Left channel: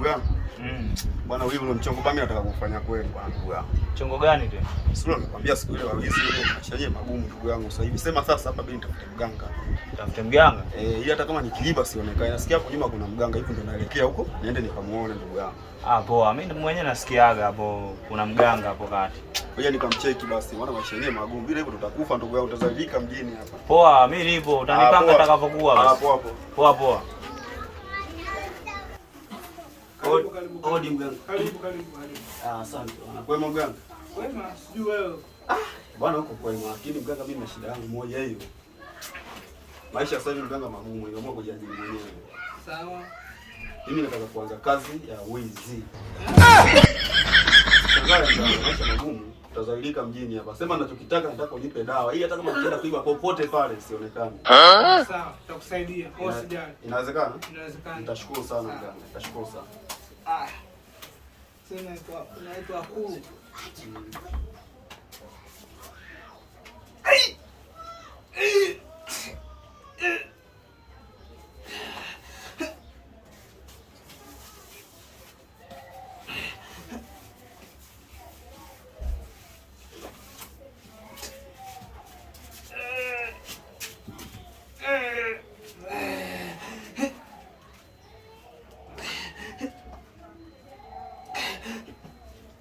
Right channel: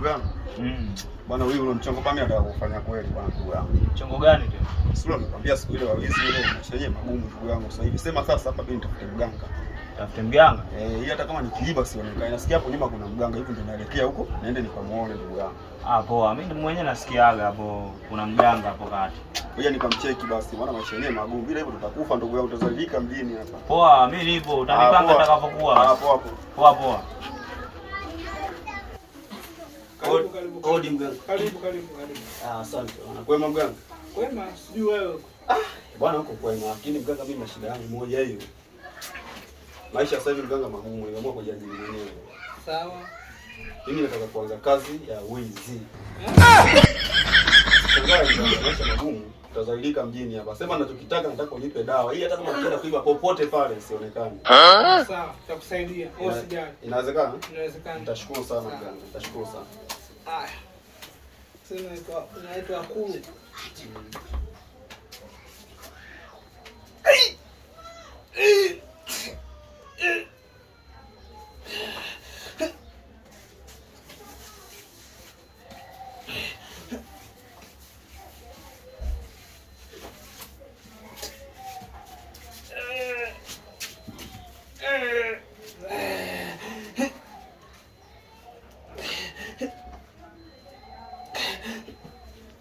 Ndugu yangu. Bwana wewe ule mchongo bami nataka kufanya kweli bwana ndugu yangu. Mchongo gani tena? Sio nikwambia siku ile wawizi ile chenye magumu ndugu yangu. Sasa hivi sema sasa hapa mimi nitafute mganga. Tafute mganga? Hii hata kama nikiiba sionekane. Nasikia hapo nyuma kuna mganga hivi ndio naelekea huko. Niende nikamuone ndugu yangu. Ah, poa. Mimi mwenyewe nasikiaga hapo kuna mganga hapo kati. Ngoja nikamcheki basi. Maana maisha yenyewe magumu. Vile hivyo tutakufa ndugu yangu, tutazalika mjini hapa. Poa, mimi nipo. Utanipanga atakavyokuwa basi. Poa poa. Poa poa. Karibu. Odi mganga. Karibu. Asante. Kwema mganga? Kwema, sijui wewe. Bwana huko kwema, lakini mganga mimi na shida yangu moja hiyo. Maisha sasa hivi mganga magumu, nimeamua kujiajiri mwenyewe. Sawa. Mimi nataka kuanza kazi ya wizi. Maisha magumu, tutazalilika mjini hapa. Sema ninachokitaka, nataka unipe dawa. Hii hata kama nikienda kuiba popote pale sionekane. Sawa, tutakusaidia. Usijali. Inawezekana? Inawezekana. Nitashukuru sana mganga. Nitashukuru sana. Haya. Sasa inaitwa kulu.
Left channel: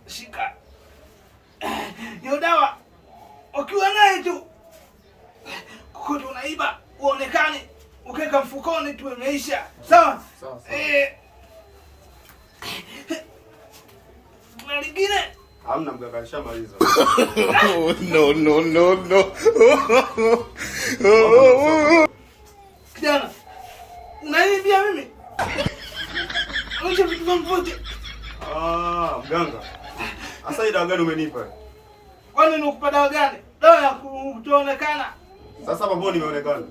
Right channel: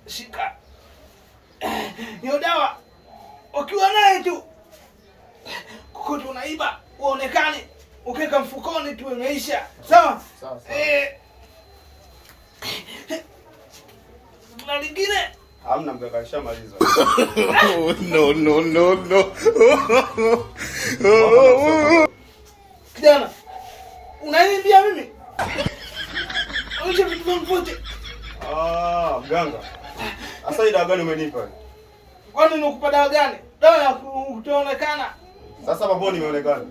Shika. Hiyo dawa ukiwa naye tu kokote unaiba uonekane, ukiweka mfukoni tu imeisha. Sawa? Sawa. Kuna lingine? Hamna mganga, alishamaliza. No. Kijana, unaniambia mimi? Acha vitu vyangu vyote. Mganga. Sasa hii dawa gani umenipa? Kwani nikupa dawa gani? Dawa ya kutoonekana. Sasa mambo nimeonekana.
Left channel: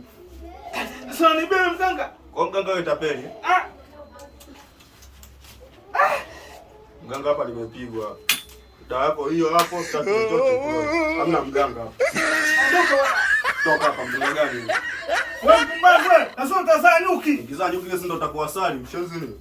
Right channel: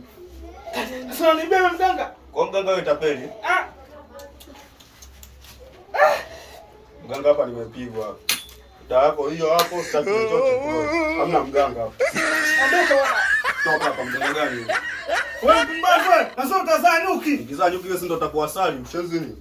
Sasa unanibebe mganga? Kwa mganga wewe tapeli. Mganga hapa nimepigwa hapa. Dawa yako hiyo hapo, sitaki chochote. Hamna mganga hapa. Ondoka bwana. Toka hapa mganga gani? Wewe mpumbavu wewe. Sasa utazaa nyuki. Ukizaa nyuki hiyo si ndo utakuwa asali, mshenzi ni.